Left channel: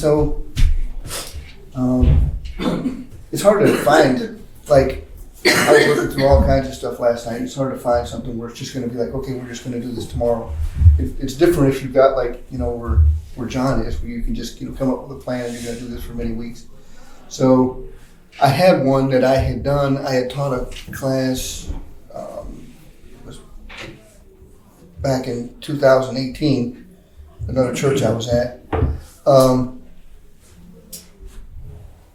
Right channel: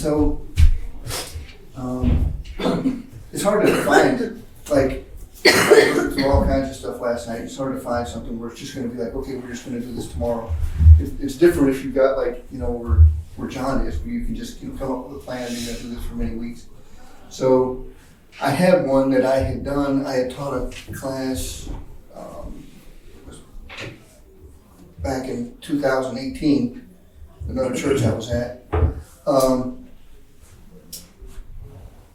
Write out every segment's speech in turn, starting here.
So, it's hard to find, like, I was looking through all kinds of stuff last night. It's hard to find something where it's just going to be like, okay, we're just going to do this tomorrow. It's different if you've got, like, where John is, where you can just, come up with a plan and you're going to do this for many weeks. So I had one that I had done. I had taught a class back in 2018, another church I was at.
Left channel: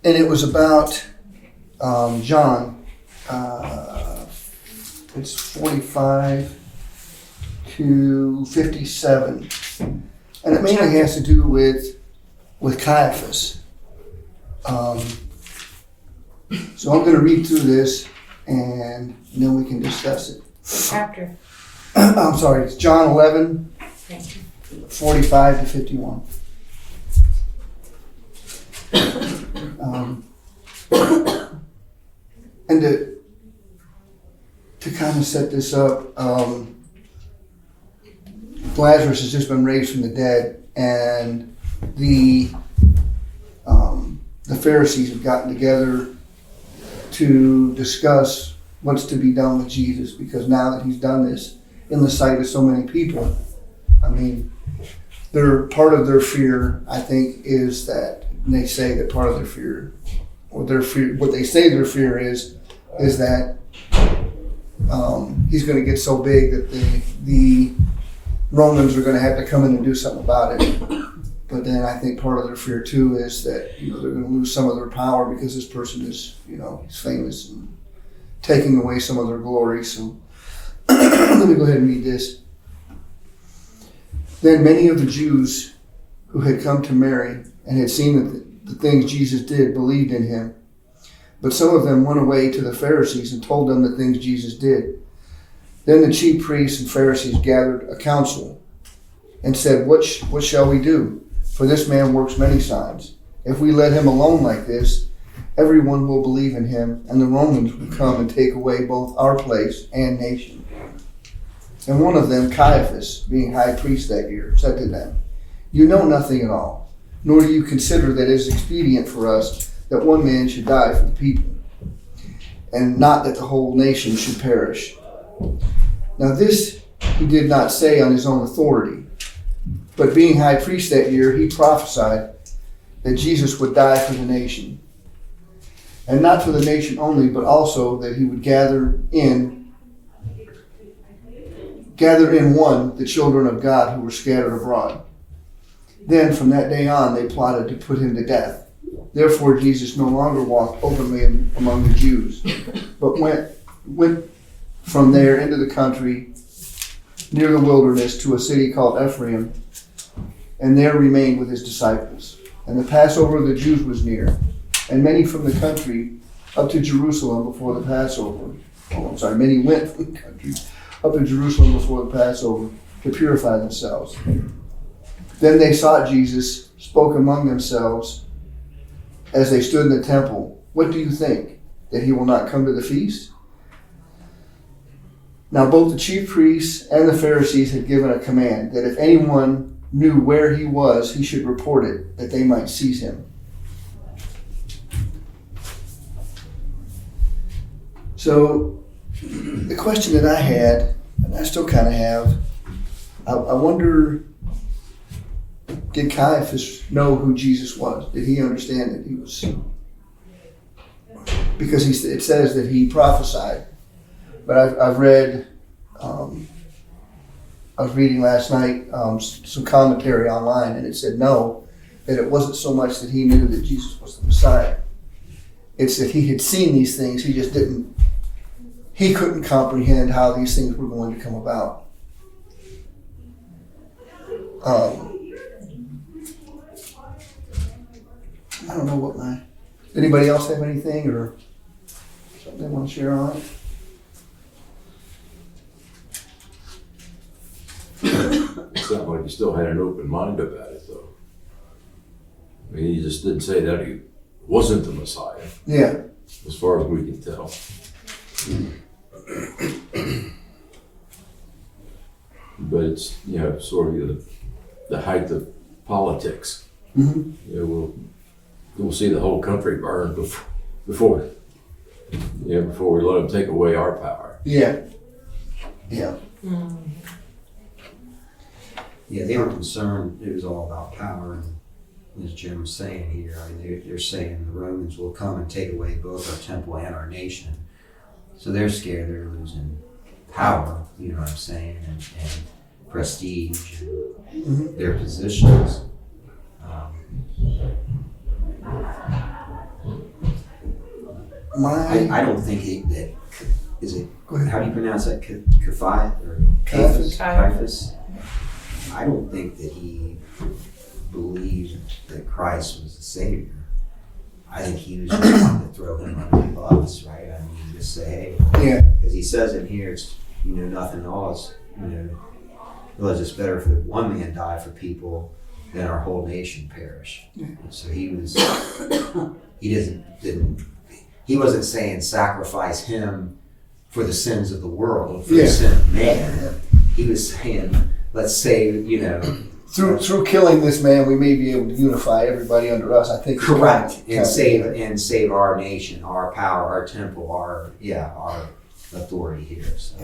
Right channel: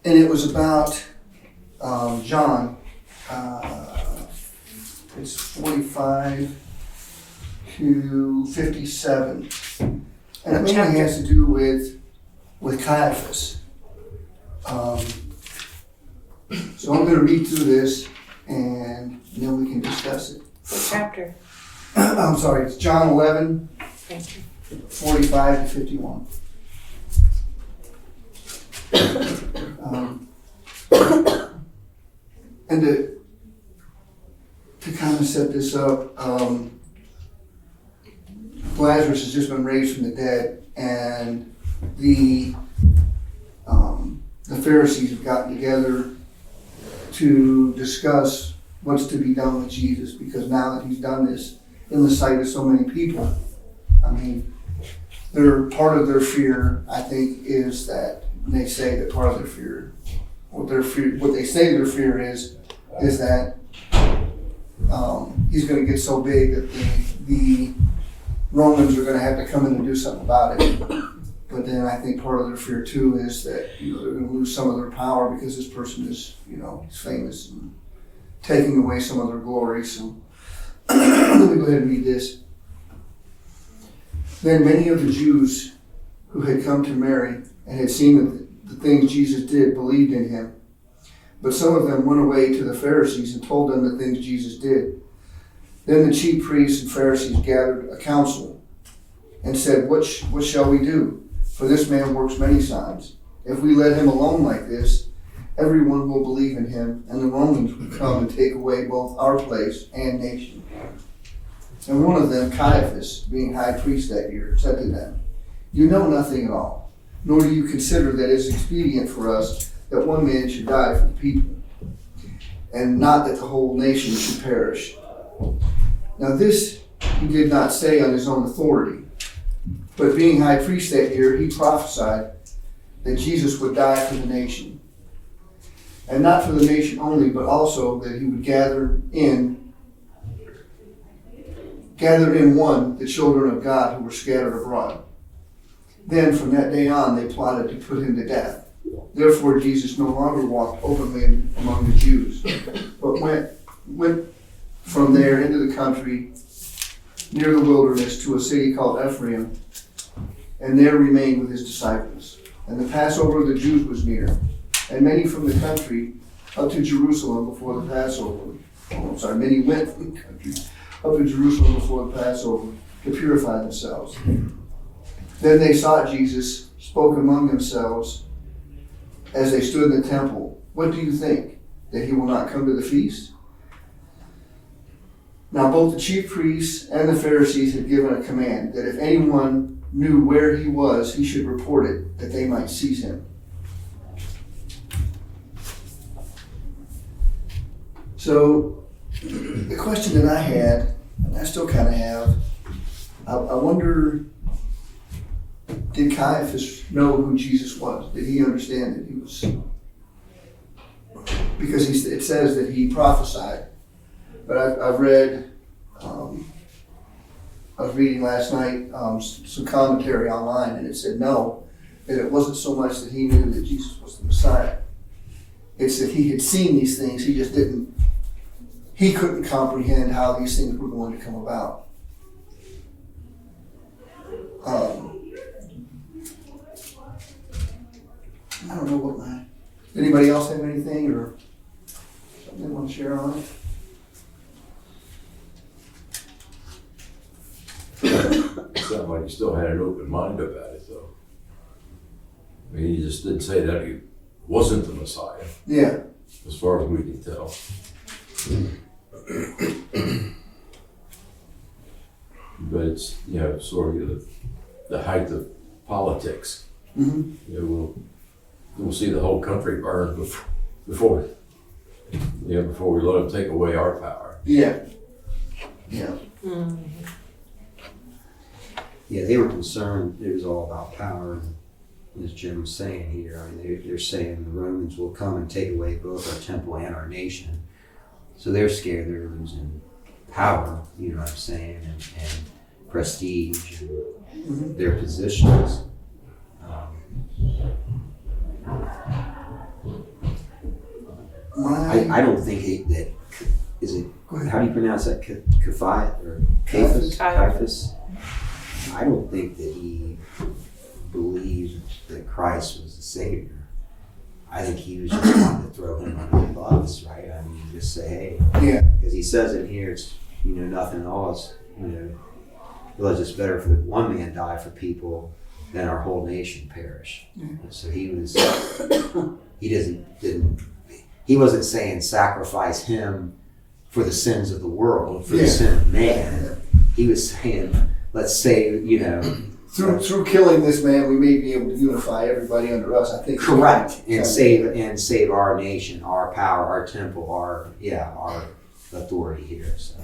And it was about John. It's 45 to 57. And it mainly has to do with Caiaphas. So I'm going to read through this and then we can discuss it. Chapter. I'm sorry, it's John 11, Thank you. 45 to 51. And to kind of set this up, Lazarus has just been raised from the dead, and the Pharisees have gotten together to discuss what's to be done with Jesus, because now that he's done this in the sight of so many people, I mean, part of their fear, I think, is that they say that part of their fear, what they say their fear is that he's going to get so big that the Romans are going to have to come in and do something about it. But then I think part of their fear too is that they're going to lose some of their power because this person is he's famous and taking away some of their glory. So let me go ahead and read this. Then many of the Jews who had come to Mary and had seen the things Jesus did believed in him. But some of them went away to the Pharisees and told them the things Jesus did. Then the chief priests and Pharisees gathered a council and said, What shall we do? For this man works many signs. If we let him alone like this, everyone will believe in him, and the Romans will come and take away both our place and nation. And one of them, Caiaphas, being high priest that year, said to them, You know nothing at all, nor do you consider that it is expedient for us that one man should die for the people, and not that the whole nation should perish. Now this he did not say on his own authority, but being high priest that year, he prophesied that Jesus would die for the nation. And not for the nation only, but also that he would gather in one the children of God who were scattered abroad. Then from that day on, they plotted to put him to death. Therefore Jesus no longer walked openly among the Jews, but went from there into the country near the wilderness to a city called Ephraim, and there remained with his disciples. And the Passover of the Jews was near, and many from the country up to Jerusalem before the Passover. Many went from the country up to Jerusalem before the Passover to purify themselves. Then they sought Jesus, spoke among themselves as they stood in the temple, What do you think, that he will not come to the feast? Now both the chief priests and the Pharisees had given a command that if anyone knew where he was, he should report it, that they might seize him. So the question that I had, and I still kind of have, I wonder, did Caiaphas know who Jesus was? Did he understand that he was? Because it says that he prophesied. But I've read, I was reading last night some commentary online, and it said no, that it wasn't so much that he knew that Jesus was the Messiah. It's that he had seen these things, he couldn't comprehend how these things were going to come about. I don't know what anybody else have anything or something they want to share on it? It sounded like he still had an open mind about it, though. I mean, he just didn't say that he wasn't the Messiah, Yeah. as far as we can tell. But it's, sort of the height of politics. Mm-hmm. Yeah, we'll see the whole country burn before we let them take away our power. Yeah. Yeah. Yeah, they were concerned it was all about power, and as Jim was saying here, I mean, they're saying the Romans will come and take away both our temple and our nation. So they're scared they're losing power, you know what I'm saying, and prestige and their positions. I don't think that is it. How do you pronounce that? Caiaphas. Caiaphas. I don't think that he believed that Christ was the Savior. I think he was just wanting to throw him under the bus, right? I mean, just say, hey, Yeah. because he says in here, it's nothing else. Well, it's just better for one man die for people than our whole nation perish. Yeah. So he wasn't saying sacrifice him for the sins of the world, for the sin of man. He was saying, let's save, Through killing this man, we may be able to unify everybody under us. I think. Correct, and save our nation, our power, our temple, our authority here. So.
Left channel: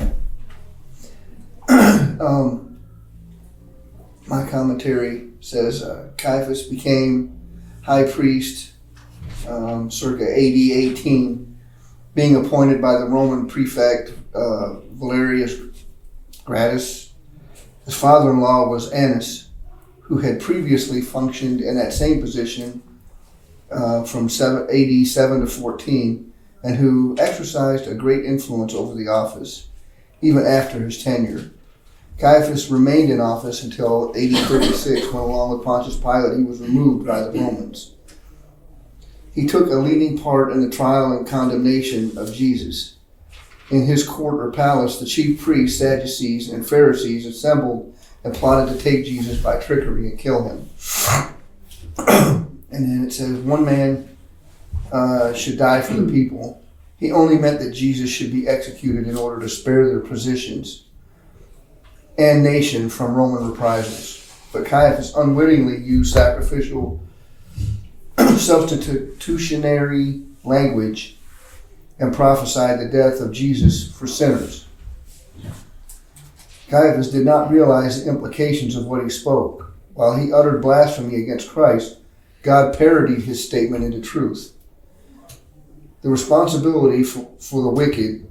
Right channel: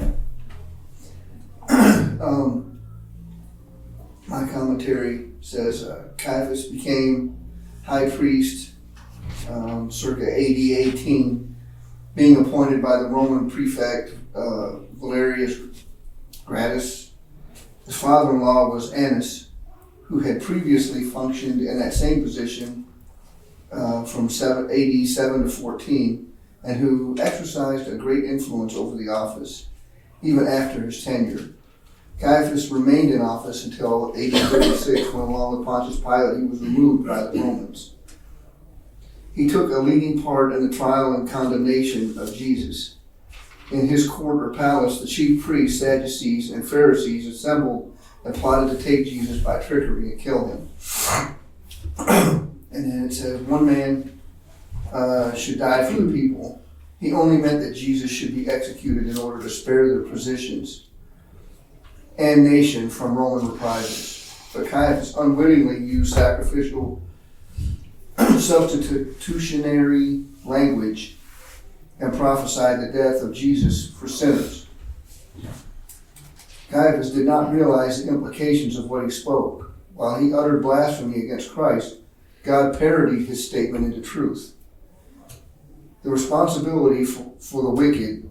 My commentary says Caiaphas became high priest circa AD 18, being appointed by the Roman prefect Valerius Gratus. His father-in-law was Annas, who had previously functioned in that same position from AD 7 to 14, and who exercised a great influence over the office, even after his tenure. Caiaphas remained in office until AD 36, when along with Pontius Pilate, he was removed by the Romans. He took a leading part in the trial and condemnation of Jesus. In his court or palace, the chief priests, Sadducees, and Pharisees assembled and plotted to take Jesus by trickery and kill him. And then it says, one man should die for the people. He only meant that Jesus should be executed in order to spare their positions and nation from Roman reprisals. But Caiaphas unwittingly used sacrificial substitutionary language and prophesied the death of Jesus for sinners. Caiaphas did not realize the implications of what he spoke. While he uttered blasphemy against Christ, God parodied his statement into truth. The responsibility for the wicked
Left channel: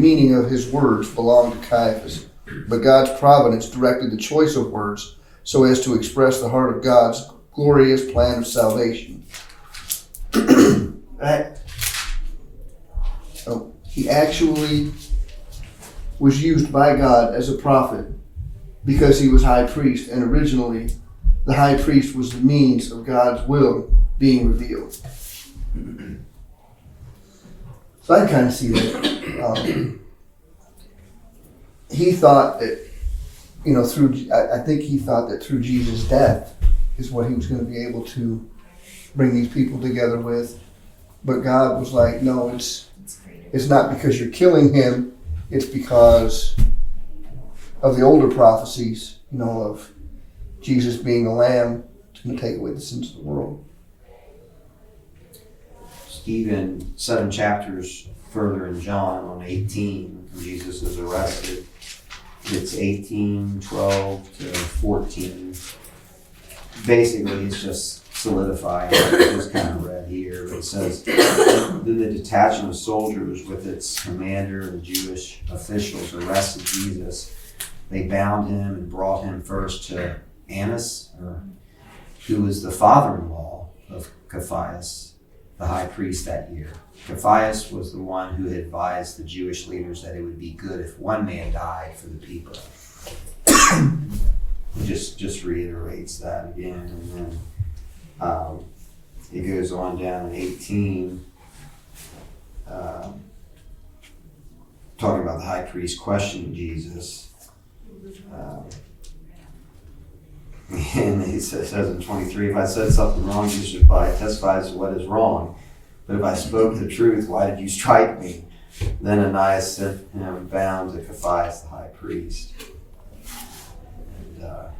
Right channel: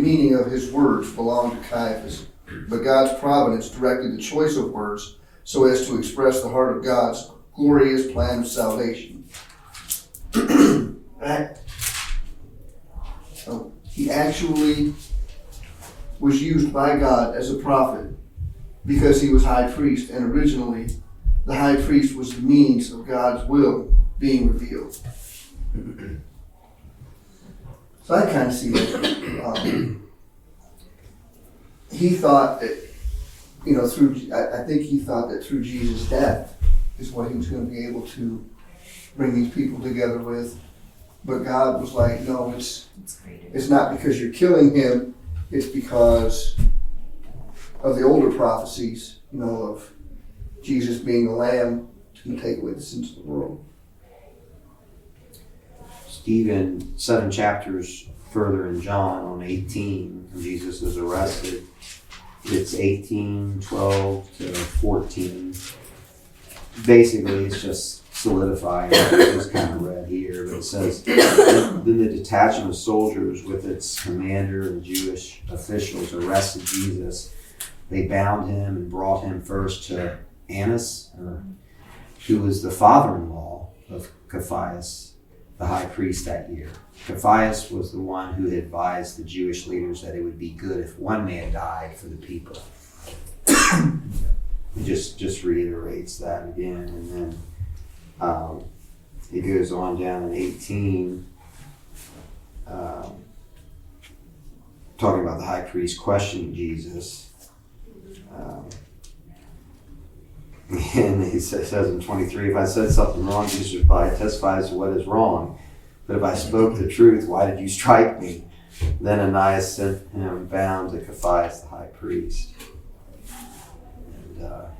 meaning of his words belonged to Caiaphas, but God's providence directed the choice of words so as to express the heart of God's glorious plan of salvation. He actually was used by God as a prophet because he was high priest, and originally the high priest was the means of God's will being revealed. So I kind of see that he thought that, I think he thought that through Jesus' death is what he was going to be able to bring these people together with. But God was like, no, it's not because you're killing him, it's because of the older prophecies, of Jesus being the Lamb to take away the sins of the world. Stephen, 7 chapters further in John, on 18, when Jesus is arrested, it's 18, 12 to 14. Basically, it's just solidifying what we just kind of read here. But it says, then the detachment of soldiers with its commander and Jewish officials arrested Jesus. They bound him and brought him first to Annas, who was the father-in-law of Caiaphas, the high priest that year. Caiaphas was the one who had advised the Jewish leaders that it would be good if one man died for the people. It just reiterates that again, and then it goes on down in 18, talking about the high priest questioning Jesus. And he says in 23, if I said something wrong, Jesus replied, testifies to what is wrong. But if I spoke the truth, why did you strike me? Then Ananias sent him bound to Caiaphas, the high priest. And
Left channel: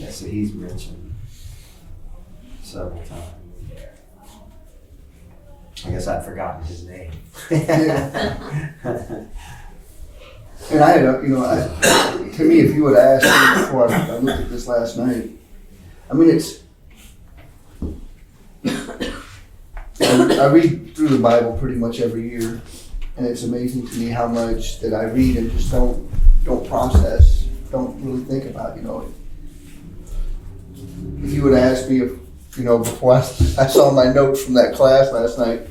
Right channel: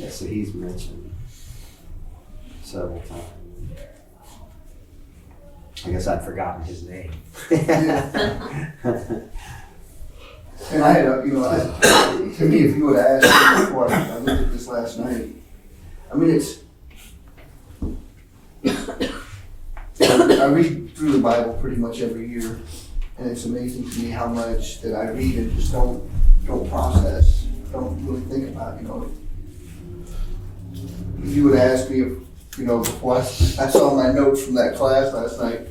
Yeah, so he's mentioned several times. I guess I'd forgotten his name. And I had, to me, if you would have asked me before I looked at this last night, I mean, I read through the Bible pretty much every year, and it's amazing to me how much that I read and just don't process, don't really think about, If you would ask me if, before I saw my notes from that class last night,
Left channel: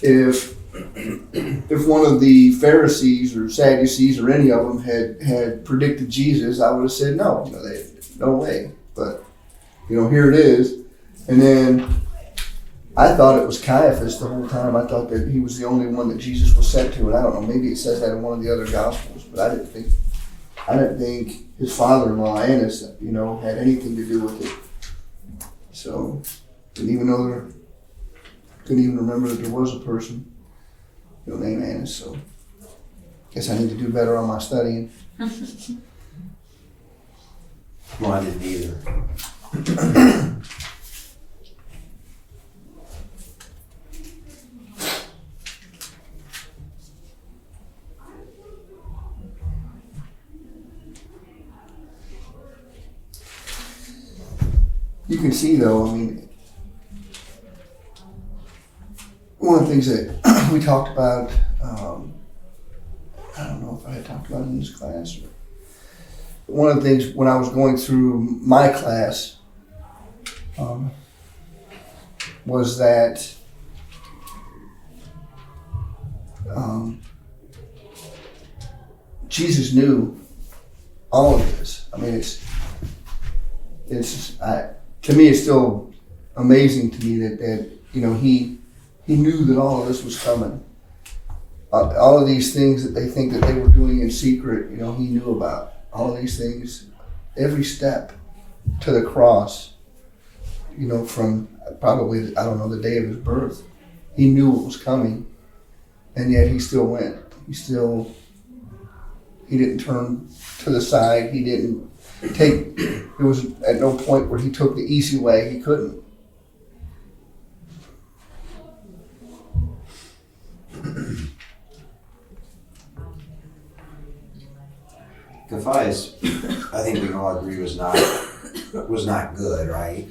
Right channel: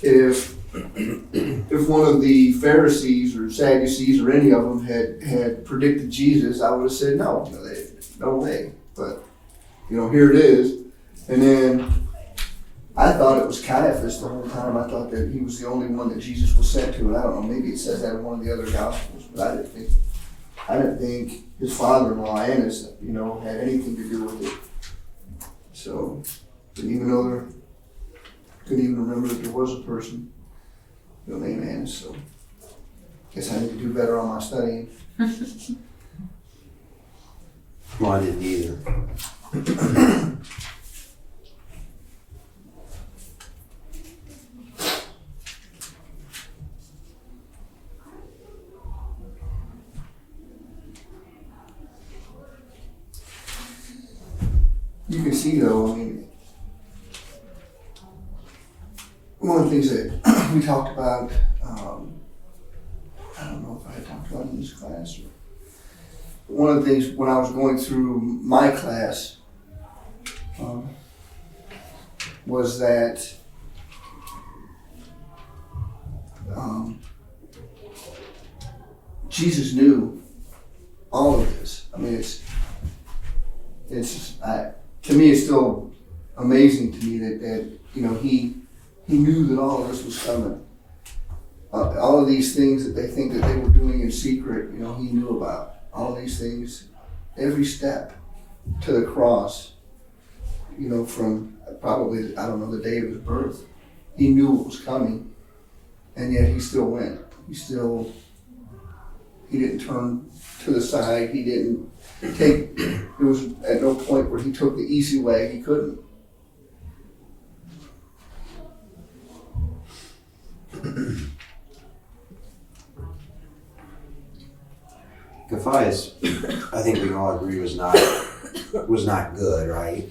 if one of the Pharisees or Sadducees or any of them had predicted Jesus, I would have said no, no way. But here it is, and then I thought it was Caiaphas the whole time. I thought that he was the only one that Jesus was sent to, and I don't know, maybe it says that in one of the other Gospels, but I didn't think his father-in-law Annas, had anything to do with it. So couldn't even remember that there was a person named Annas. So guess I need to do better on my studying. Well, I didn't either. You can see though, one of the things that we talked about, I don't know if I had talked about it in this class, but one of the things when I was going through my class was that Jesus knew all of this. I mean, to me, it's still amazing to me that he knew that all of this was coming. All of these things that they think that they were doing in secret, he knew about. All of these things, every step to the cross, from probably, I don't know, the day of his birth. He knew what was coming, and yet he still went. He didn't turn to the side. He didn't there was at no point where he took the easy way. He couldn't. Gaius, I think we can all agree was not good, right?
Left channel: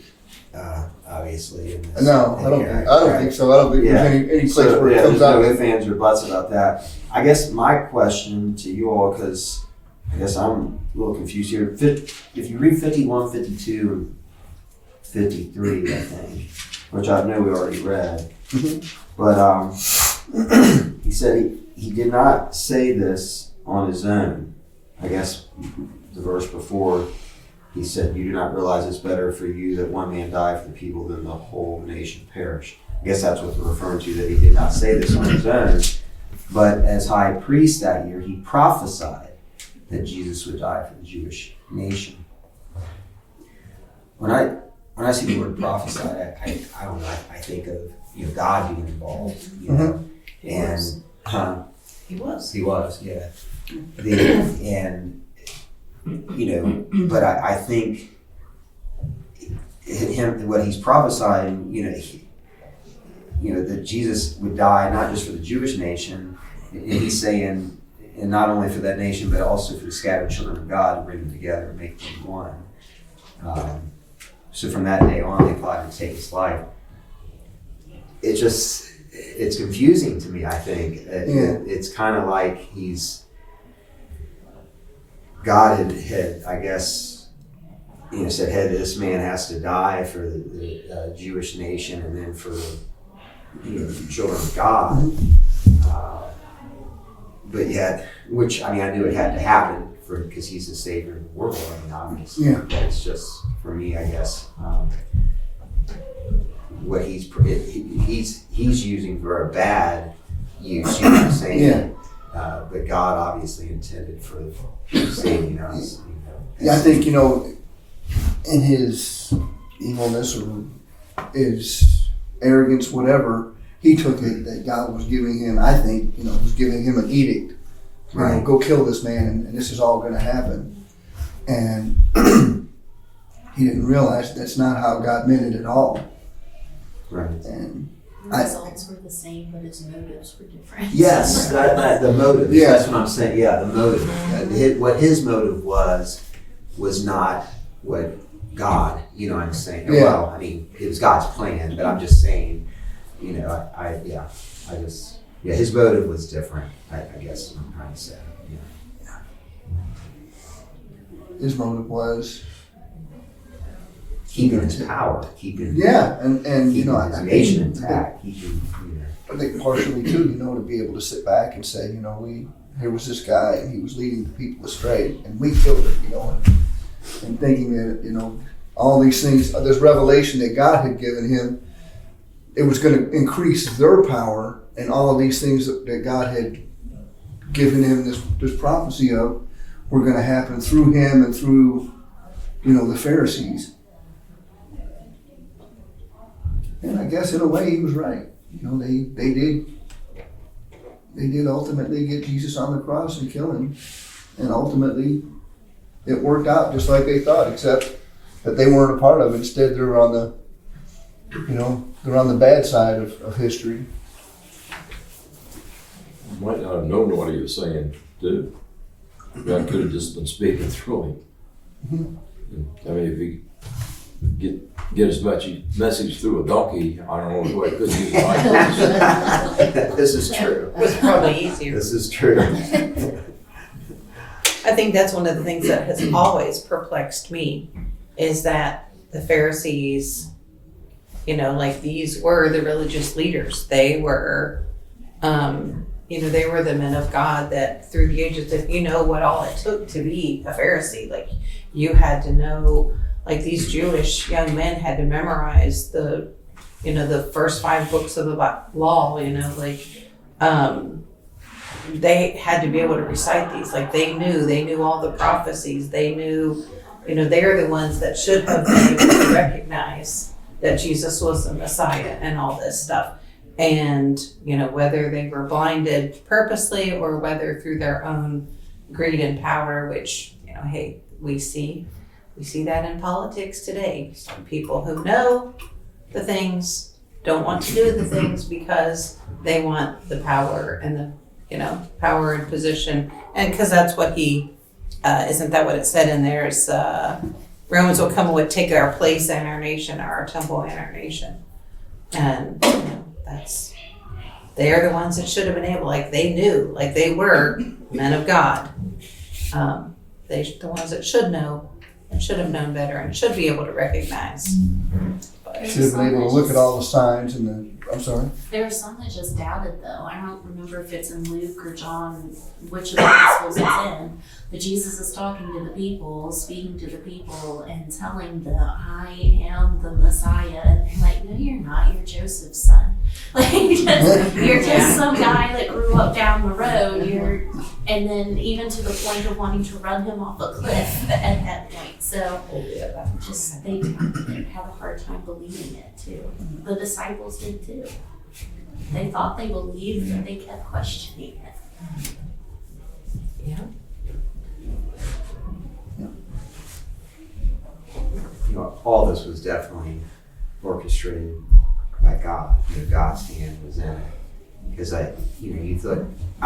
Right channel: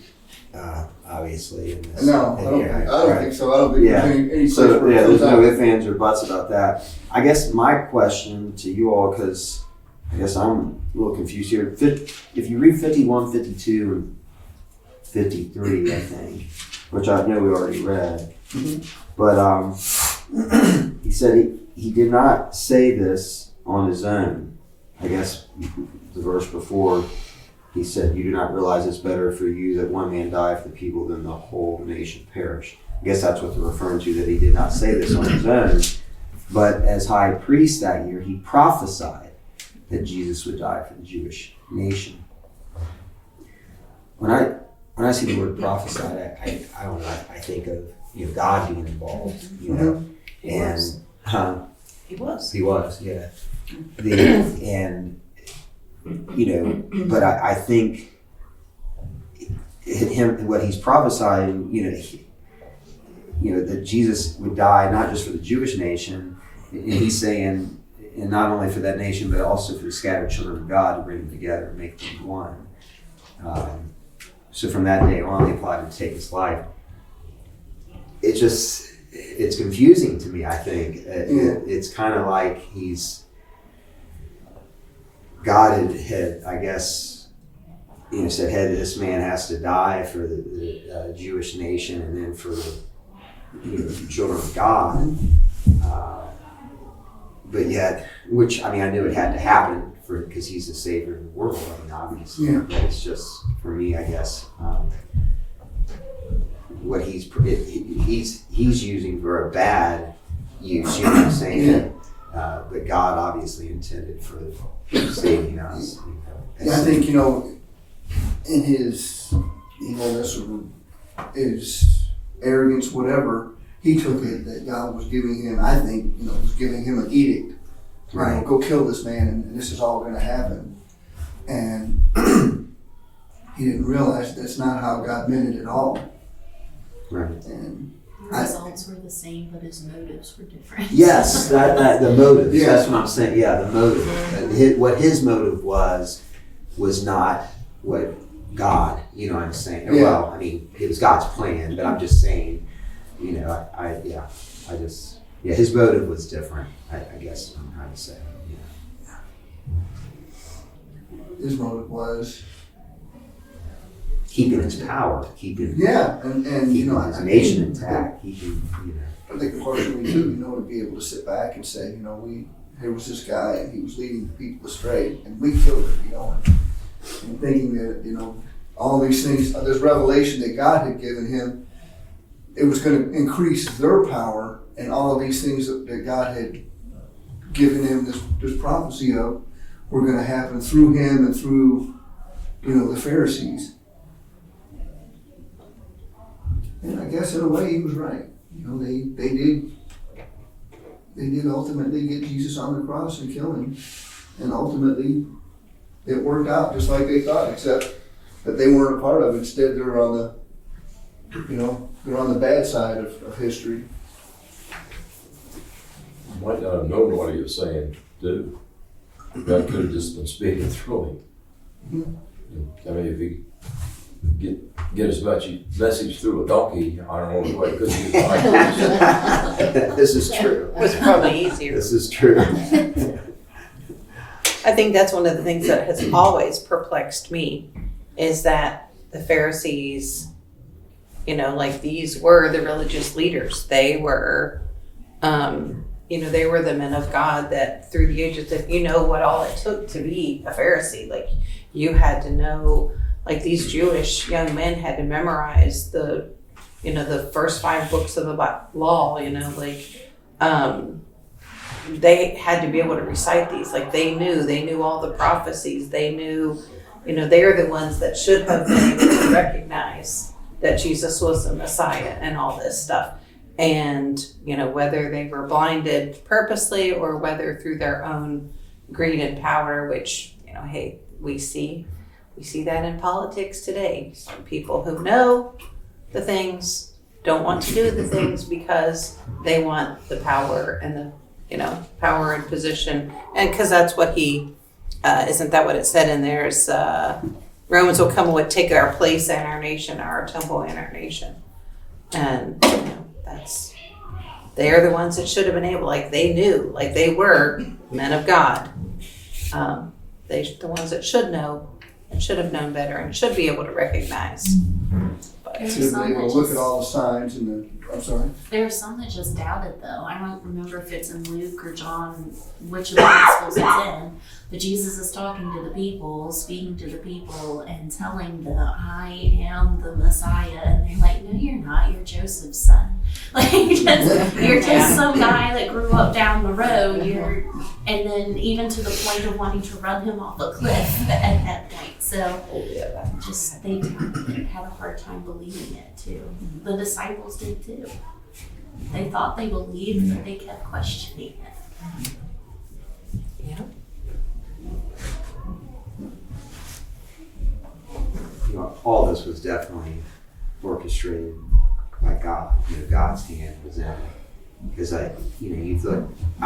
Obviously. In this No, I don't think so. I don't think there's any place where it there's comes out. no ifs, ands, or buts about that. I guess my question to you all, because I guess I'm a little confused here. If you read 51, 52, and 53, I think, which I know we already read, but he said he did not say this on his own. I guess the verse before, he said, "You do not realize it's better for you that one man die for the people than the whole nation perish." I guess that's what they're referring to, that he did not say this on his own. But as high priest that year, he prophesied that Jesus would die for the Jewish nation. When I see the word prophesied, I don't know, I think of God being involved, and He was, yeah. But I think what he's prophesying, that Jesus would die not just for the Jewish nation, and he's saying, and not only for that nation, but also for the scattered children of God, to bring them together and make them one. So from that day on, they plotted to take his life. It's confusing to me, I think. It's kind of like God had, I guess, said, "Hey, this man has to die for the Jewish nation, and then for the children of God." But yet, which I knew it had to happen because he's the savior of the world. Obviously, but it's just for me, I guess. What he's using for a bad use, saying, but God obviously intended for saving us. Yeah, I think in his evilness or his arrogance, whatever, he took it that God was giving him. I think was giving him an edict. Right. Go kill this man, and this is all going to happen. And he didn't realize that's not how God meant it at all. Right. And The results were the same, but his motives were different. Yes, that the motive. Yeah. That's what I'm saying. Yeah, the motive. What his motive was not what God. You know what I'm saying? Yeah. Well, I mean, it was God's plan, but I'm just saying. You know, his motive was different. I guess I'm trying to say. Yeah. his motive was, Keeping his power, keeping and you know, his nation intact, keeping, you know. I think partially too, you know, to be able to sit back and say, you know, here was this guy and he was leading the people astray and we killed him, you know, and thinking that, you know, all these things, this revelation that God had given him, it was going to increase their power, and all of these things that God had given him this prophecy of were going to happen through him and through, you know, the Pharisees. And I guess in a way he was right. You know, they did ultimately get Jesus on the cross and kill him. And ultimately it worked out just like they thought, except that they weren't a part of it. Instead they're on the, you know, they're on the bad side of history. Might not have known what he was saying, too. God could have just been speaking through him. I mean, if he get his message through a donkey, I don't know why he couldn't use an eye. This is true. It was probably easier. This is true. I think that's one of the things that has always perplexed me is that the Pharisees, you know, like these were the religious leaders. They were, you know, they were the men of God that through the ages, if you know what all it took to be a Pharisee, like you had to know, like these Jewish young men had to memorize the, you know, the first 5 books of the law, you know, like, they had to be able to recite these. Like they knew all the prophecies. They knew, you know, they're the ones that should have been able to recognize that Jesus was the Messiah and all this stuff. And, you know, whether they were blinded purposely or whether through their own greed and power, which, you know, hey, we see that in politics today. Some people who know the things don't want to do the things because they want the power and the, you know, power and position. And because that's what isn't that what it said in there? Is Romans will come and would take our place in our nation, our temple in our nation. And, you know, they're the ones that should have been able, like they knew, like they were men of God. They're the ones that should know and should have known better and should be able to recognize. But Should be able to look at all the signs and I'm sorry. There are some that just doubted, though. I don't remember if it's in Luke or John, which of the Gospels it's in. But Jesus is talking to the people, speaking to the people, and telling them, I am the Messiah. And they're like, no, you're not. You're Joseph's son. Like, you're just some guy that grew up down the road. And then even to the point of wanting to run him off a cliff at that point. So just they had a hard time believing it too. The disciples did too. They thought they believed, but they kept questioning it. yeah. You know, all this was definitely orchestrated by God. You know, God's hand was in it. Because I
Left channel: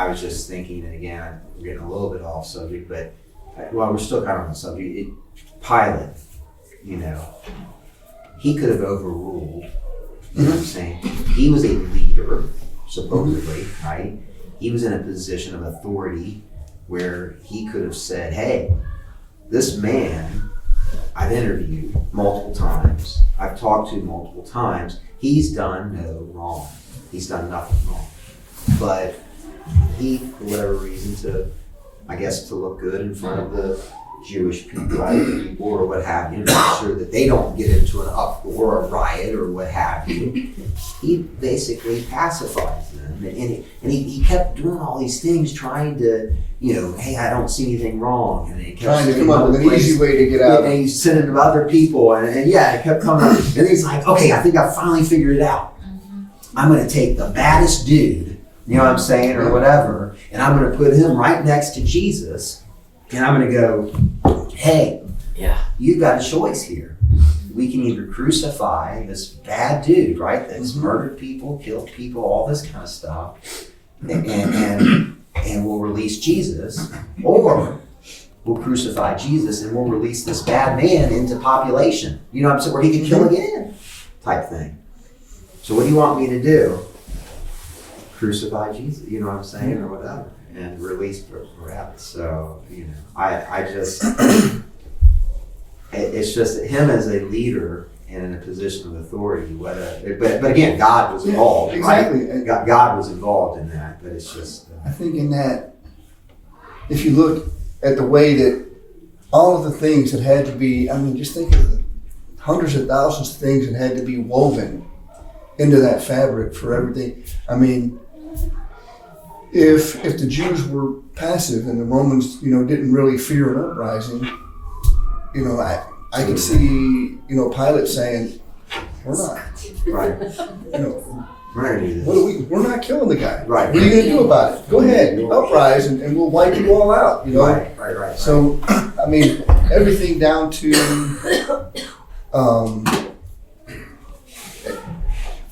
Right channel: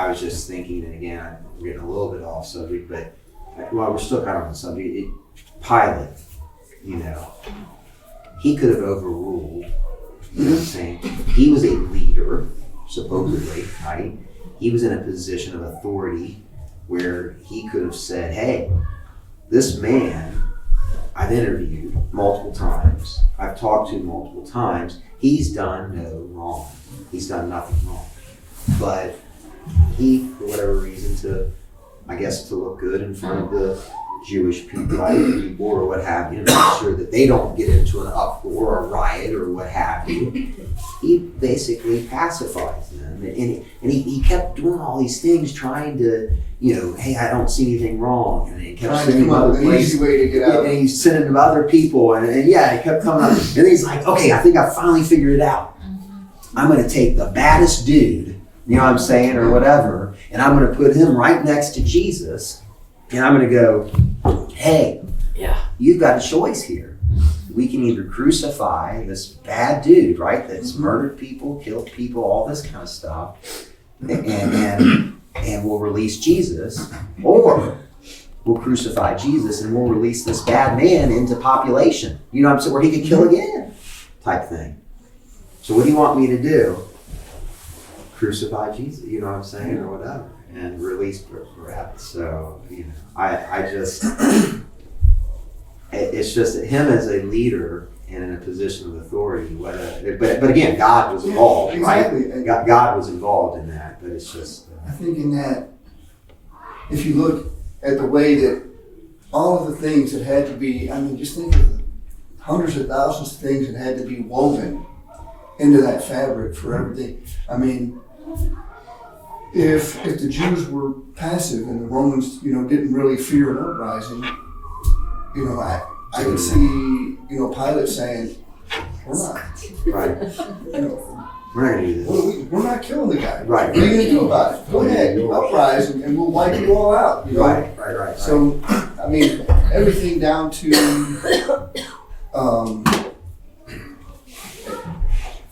was just thinking, and again, I'm getting a little bit off subject, but we're still kind of on the subject. Pilate, you know, he could have overruled, you know what I'm saying? He was a leader, supposedly, right? He was in a position of authority where he could have said, hey, this man I've interviewed multiple times, I've talked to multiple times, he's done no wrong. He's done nothing wrong. But he, for whatever reason, to look good in front of the Jewish people, or what have you, to make sure that they don't get into an uproar or a riot or what have you, he basically pacifies them. And he kept doing all these things, trying to, you know, hey, I don't see anything wrong. And he kept Trying to come up with an easy way to get out. And he's sending them other people. And yeah, it kept coming up. And then he's like, okay, I think I finally figured it out. I'm going to take the baddest dude, you know what I'm saying, or whatever, and I'm going to put him right next to Jesus, and I'm going to go, hey, Yeah. you've got a choice here. we can either crucify this bad dude, right, that's murdered people, killed people, all this kind of stuff, and we'll release Jesus, or we'll crucify Jesus and we'll release this bad man into population. You know what I'm saying? Where he could kill again, type thing. So what do you want me to do? Crucify Jesus, you know what I'm saying, or whatever, and release Barabbas. So, you know, I just, it's just him as a leader and in a position of authority. But again, God was involved, exactly. right? God was involved in that, but it's just. I think in that, if you look at the way that all of the things that had to be, I mean, just think of the hundreds of thousands of things that had to be woven into that fabric for everything. I mean, if the Jews were passive and the Romans, you know, didn't really fear an uprising, you know, I could see, you know, Pilate saying, we're not, Right. you know, We're not gonna do this. we're not killing the guy. Right. What are you going to do about it? Go ahead, uprise, and we'll wipe you all out, you know. Right. So, I mean, everything down to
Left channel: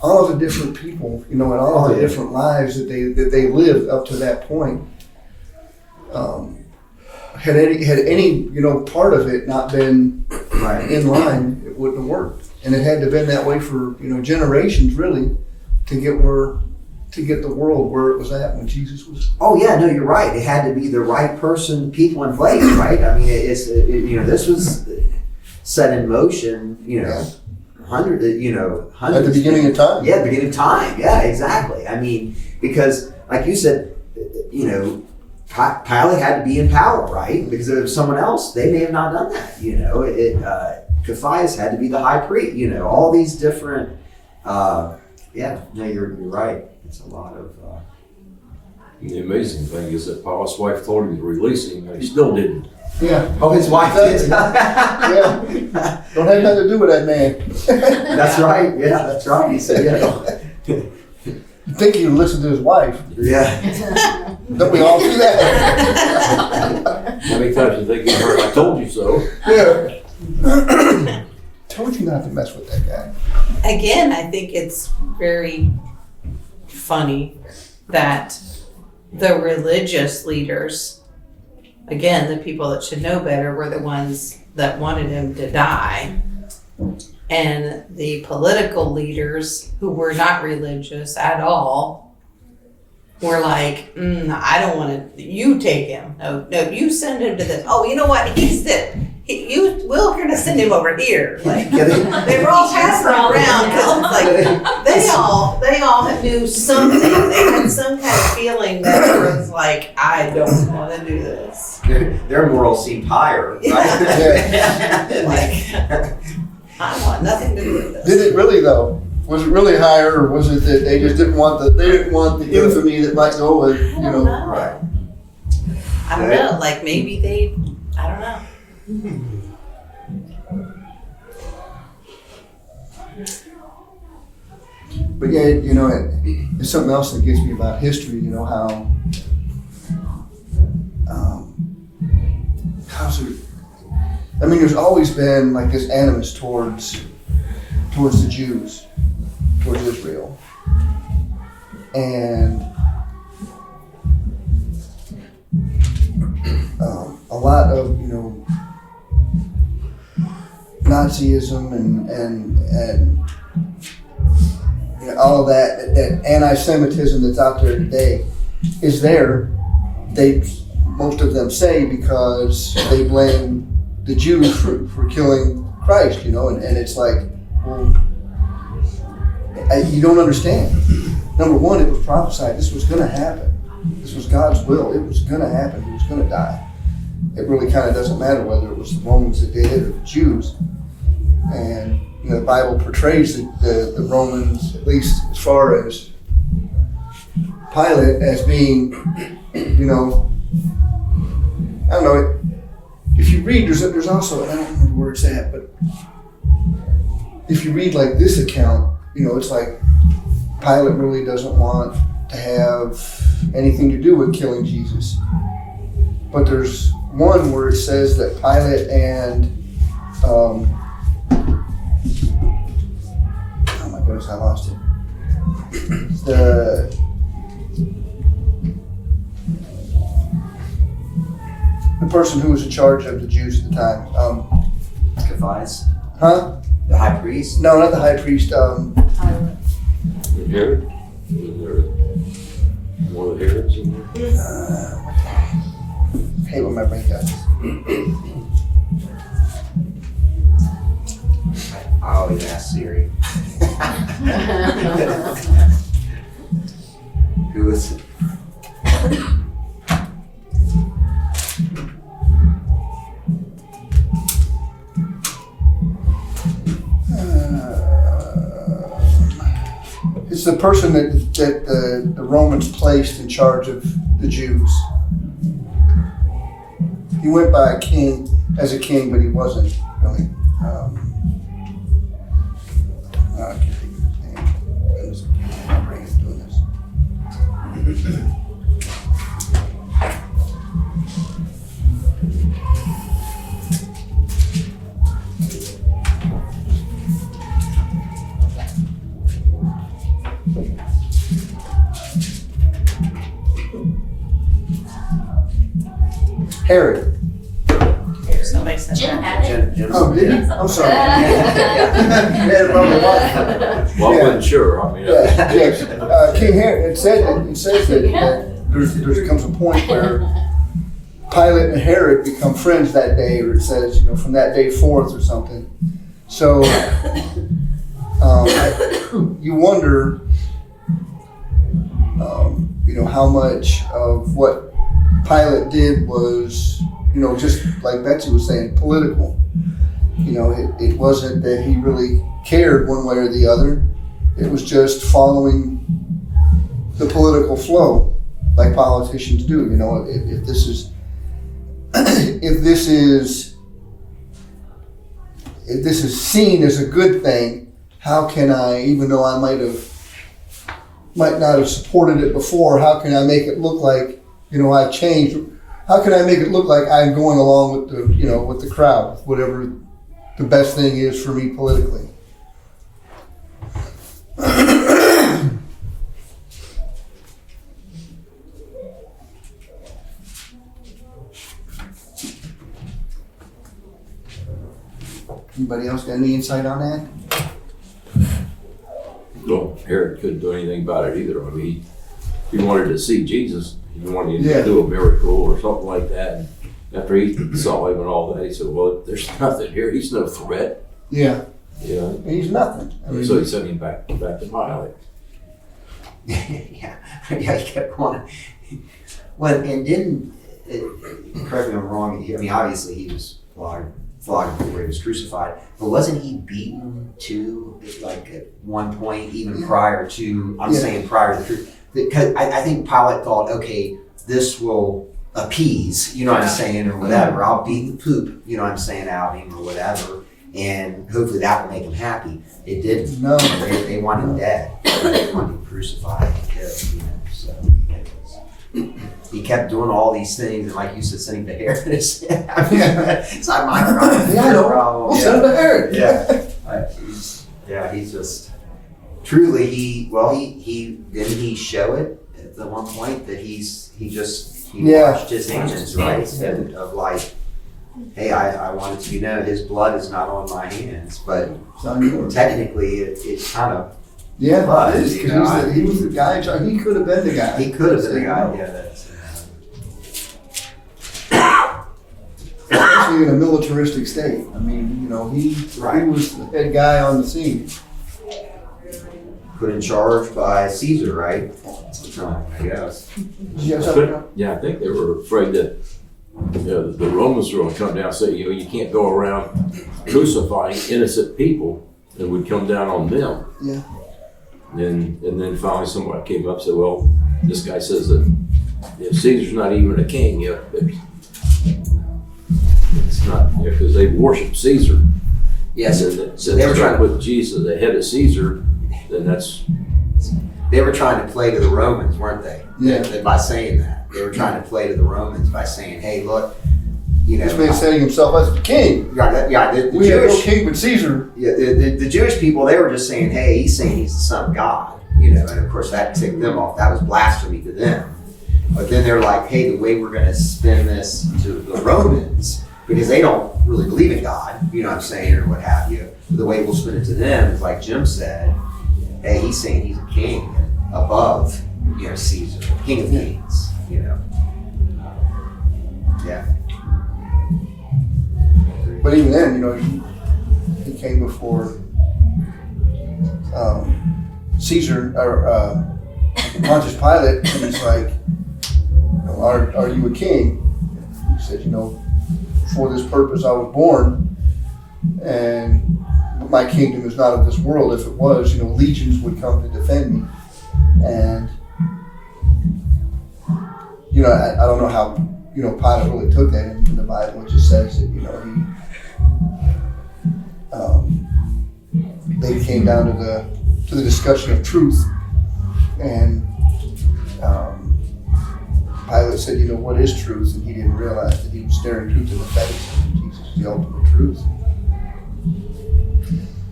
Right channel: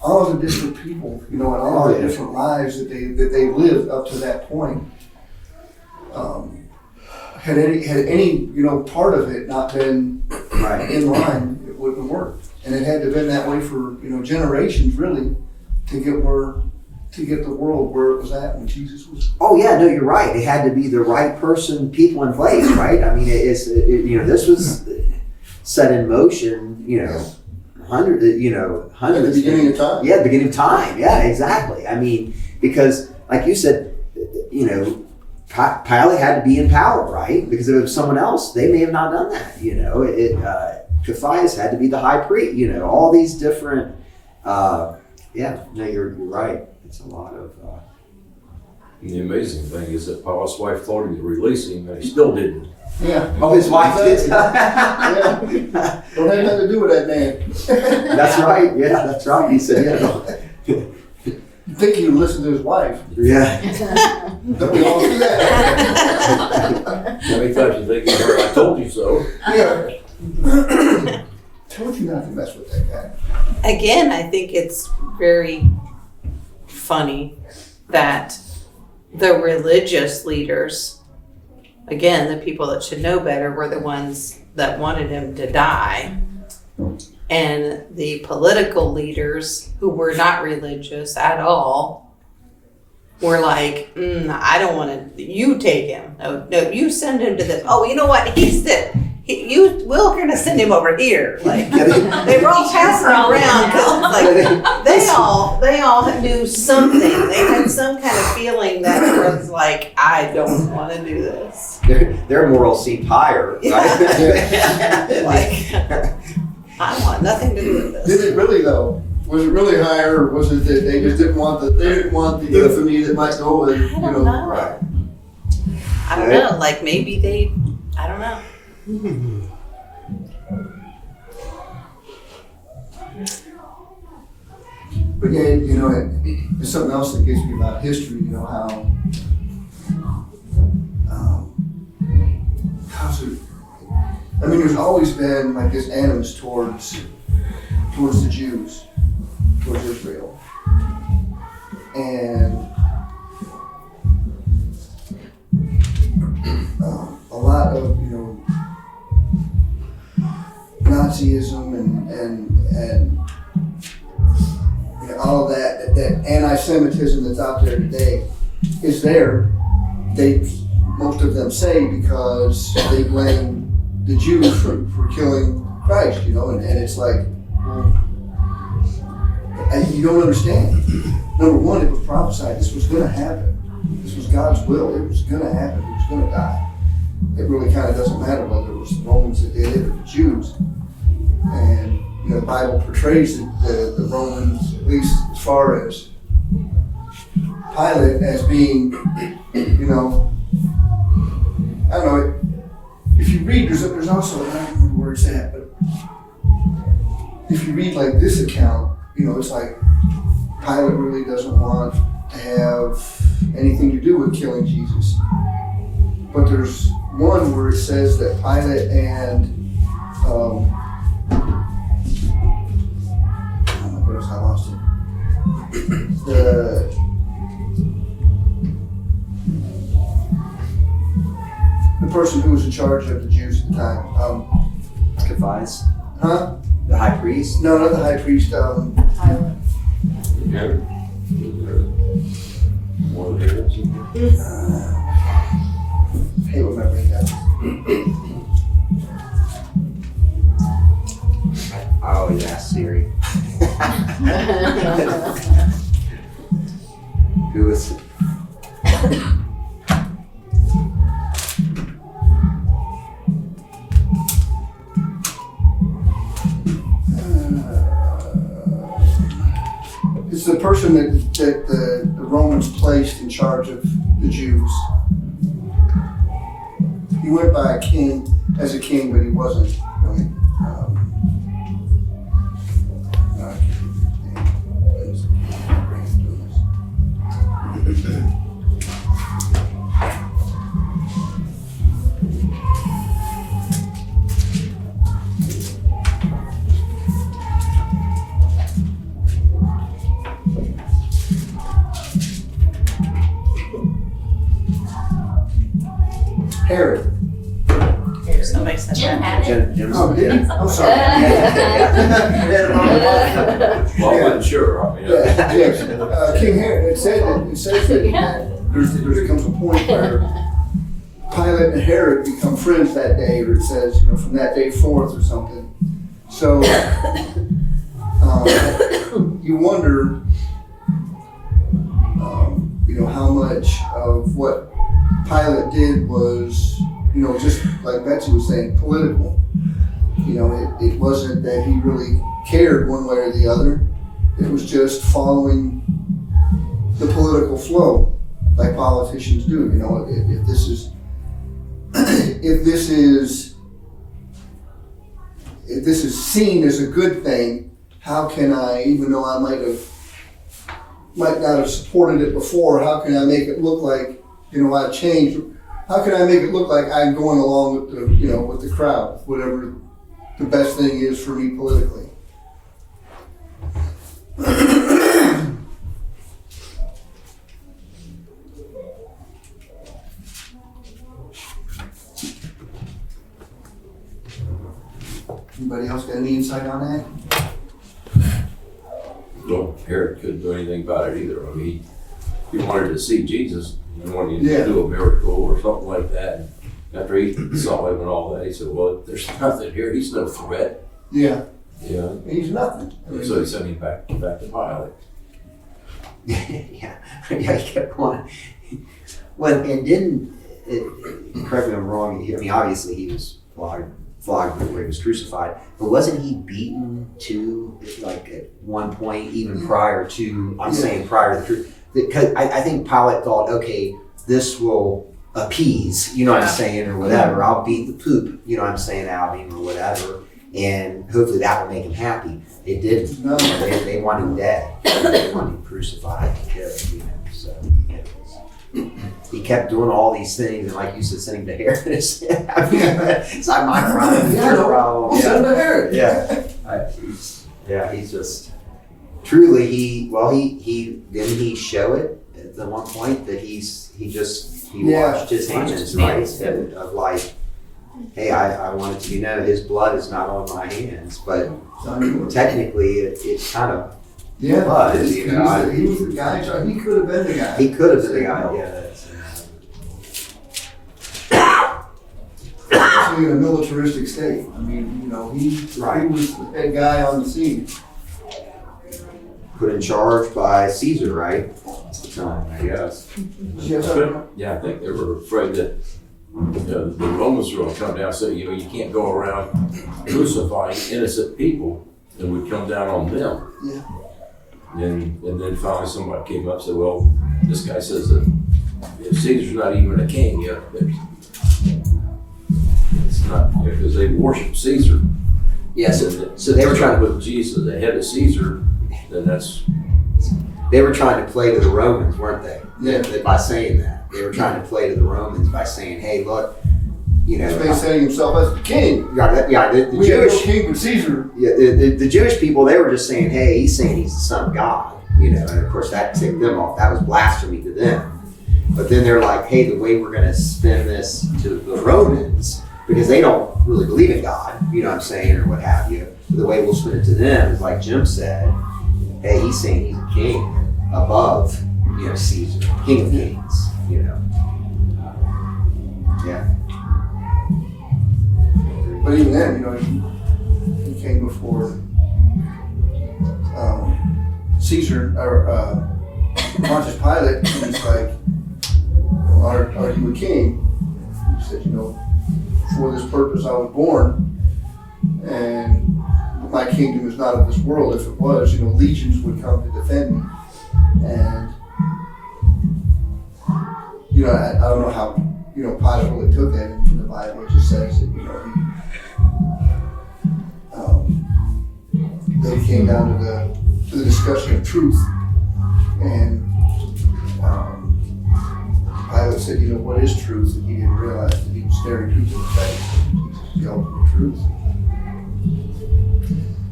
all of the different people, you know, and all of the different lives that they lived up to that point. Had any you know part of it not been Right. in line, it wouldn't have worked, and it had to have been that way for, you know, generations really to get the world where it was at when Jesus was. Oh yeah, no, you're right. It had to be the right person, people in place, right? I mean, you know, this was set in motion, you know, hundreds. At the beginning of time. Yeah, beginning of time. Yeah, exactly. I mean, because like you said, you know, Pilate had to be in power, right? Because if it was someone else, they may have not done that. You know, Caiaphas had to be the high priest. You know, all these different. Yeah, no, you're right. It's a lot of. The amazing thing is that Paul's wife told him to release him, and he still didn't. Yeah. Oh, his wife did. Yeah. Don't have nothing to do with that man. That's right. Yeah, that's right. He said, yeah. You think he would listen to his wife? Yeah. Don't we all do that? How many times you think you heard, I told you so? Yeah. Told you not to mess with that guy. Again, I think it's very funny that the religious leaders, again, the people that should know better, were the ones that wanted him to die. And the political leaders who were not religious at all were like, I don't want to, you take him. No, you send him to this. Oh, you know what? We're going to send him over here. Like, they were all passing around because like, they all knew something. They had some kind of feeling that was like, I don't want to do this. Their morals seemed higher, right? Like, I want nothing to do with this. Did it really though? Was it really higher, or was it that they just didn't want the infamy that might go with, you know? Right. I don't know. Like maybe I don't know. But yeah, you know, it's something else that gets me about history. You know how how's it? I mean, there's always been like this animus towards the Jews, towards Israel, and a lot of, you know, Nazism and you know, all of that anti-Semitism that's out there today is there. Most of them say because they blame the Jews for killing Christ, you know, and it's like, well, you don't understand. Number one, it was prophesied this was going to happen. This was God's will. It was going to happen. He was going to die. It really kind of doesn't matter whether it was the Romans that did it or the Jews. And you know, the Bible portrays the Romans, at least as far as Pilate, as being, you know, I don't know. If you read, there's also, I don't remember where it's at, but if you read like this account, you know, it's like Pilate really doesn't want to have anything to do with killing Jesus. But there's one where it says that Pilate and the person who was in charge of the Jews at the time. Caiaphas, Huh? the high priest. No, not the high priest. Herod? Was there one of the Herods in there? Hey, what my brain got. I always ask Siri. Who is it? It's the person that the Romans placed in charge of the Jews. He went by as a king, but he wasn't really. I can't think of his name. My brain is doing this. Herod. Somebody said Jim that. had it. Jim's Oh, did he? I'm sorry. Well, I wasn't sure. I mean, Yeah. King Herod. It says that there comes a point where Pilate and Herod become friends that day, or it says, from that day forth or something. So you wonder, how much of what Pilate did was, just like Betsy was saying, political. It wasn't that he really cared one way or the other. It was just following the political flow, like politicians do. If this is seen as a good thing, how can I, even though I might not have supported it before, how can I make it look like I've changed? How can I make it look like I'm going along with the crowd, whatever the best thing is for me politically? Anybody else got any insight on that? well, Herod couldn't do anything about it either. I mean, he wanted to see Jesus. He wanted Yeah. to do a miracle or something like that. And after he saw him and all that, he said, well, there's nothing here. He's no threat. Yeah, Yeah. he's nothing. So he sent him back to Pilate. yeah, he kept going. Well, and didn't, correct me if I'm wrong, I mean, obviously he was flogged before he was crucified, but wasn't he beaten too, like at one point, even prior to, I'm Yeah. saying prior to the truth? Because I think Pilate thought, okay, this will appease, you know what I'm saying, or whatever. I'll beat the poop, you know what I'm saying, out of him or whatever, and hopefully that will make him happy. It didn't. No. They want him dead. They want him crucified. So he kept doing all these things, and like you said, sending to Herod. It's not my problem. It's Yeah, I your know. problem. We'll send him to Herod. He's just truly he didn't he show it at the one point that he Yeah. washed his hands, right? Of like, hey, I want it to be known his blood is not on my hands, but technically it kind of Yeah, But, it is, you 'cause know, he was the guy in charge. He could have been the guy. he could have been the guy. Yeah, that's Especially in a militaristic state. I mean, he Right. was the head guy on the scene. put in charge by Caesar, right? I guess. Yes, Yeah, I think they were afraid that the Romans were going to come down and say, you can't go around crucifying innocent people, and would come down on them. Yeah. And then finally somebody came up and said, well, this guy says that Caesar's not even a king yet. It's not, because they worship Caesar. Yes. So they were trying to put Jesus ahead of Caesar, then that's. They were trying to play to the Romans, weren't they? Yeah. By saying that. They were trying to play to the Romans by saying, hey, look, This man setting himself as the king. the We have no Jewish, king but Caesar. the Jewish people, they were just saying, hey, he's saying he's the son of God. you know, and of course that ticked them off. That was blasphemy to them. But then they're like, hey, the way we're going to spin this to the Romans, because they don't really believe in God, you know what I'm saying, or what have you. The way we'll spin it to them is like Jim said, hey, he's saying he's a king above, you know, Caesar, king of kings, you know. Yeah. But even then, you know, he came before Caesar or Pontius Pilate, and he's like, are you a king? He said, you know, for this purpose I was born, and my kingdom is not of this world. If it was, you know, legions would come to defend me. And, you know, I don't know how, you know, Pilate really took that in the Bible. It just says that, you know, they came down to the discussion of truth, and Pilate said, you know, what is truth? And he didn't realize that he was staring truth in the face. Jesus is the ultimate truth.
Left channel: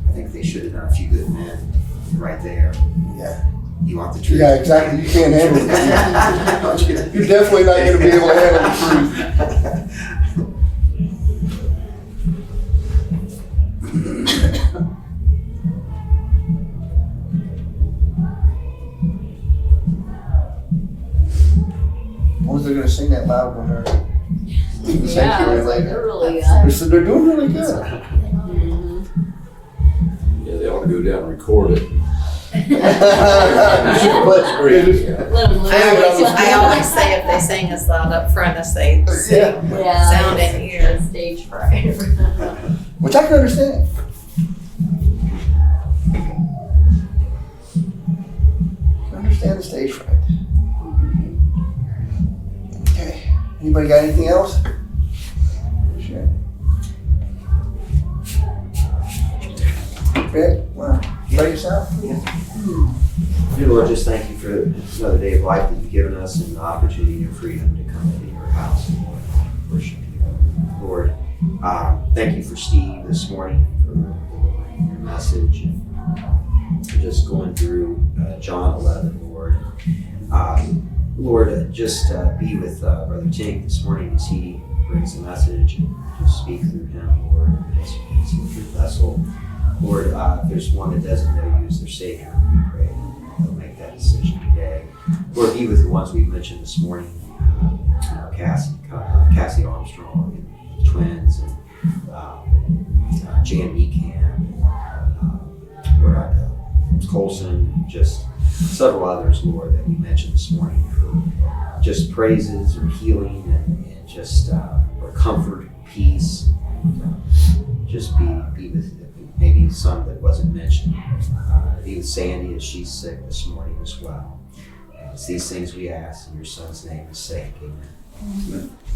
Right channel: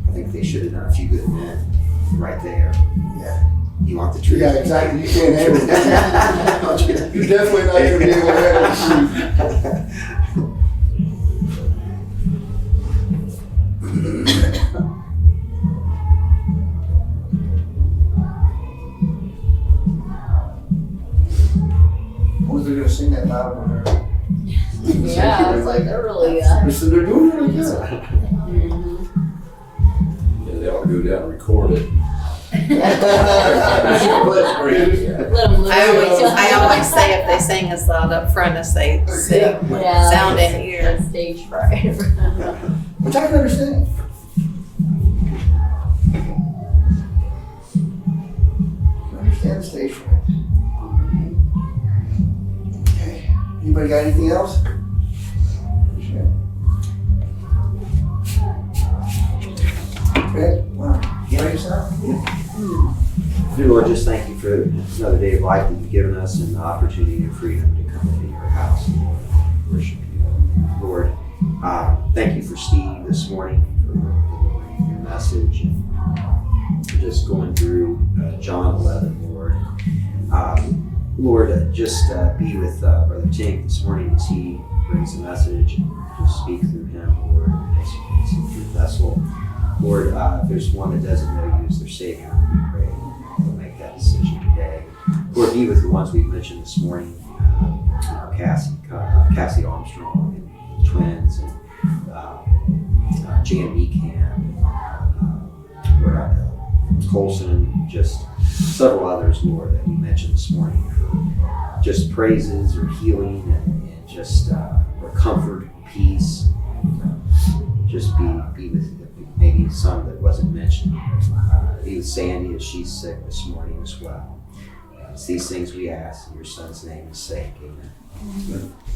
I think they should have done a few good men right there. Yeah. You want the truth? Yeah, exactly. You can't handle it. You're definitely not going to be able to handle the truth. What was they going to sing that loud when they're? Yeah, I was like, they're really They said they're doing really good. Yeah, they ought to go down and record it. But Let them I always say if they sing as loud up front as they sing, sound in ear. Stage fright. which I can understand. I can understand the stage fright. Okay. Anybody got anything else? Sure. Okay. Wow. Pray us out. Dear Lord, just thank you for another day of life that you've given us and the opportunity and freedom to come into your house and worship you. Lord, thank you for Steve this morning for delivering your message and for just going through John 11, Lord. Lord, just be with Brother Tink this morning as he brings the message and just speak through him, Lord, as your vessel. Lord, if there's one that doesn't know you as their Savior, we pray they'll make that decision today. Lord, be with the ones we've mentioned this morning, Cassie Armstrong and the twins, and Jan Meekham, Lord, Colson, just several others, Lord, that we mentioned this morning for just praises or healing and just or comfort, peace. Just be with maybe some that wasn't mentioned. Be with Sandy as she's sick this morning as well. It's these things we ask in your son's name and sake. Amen.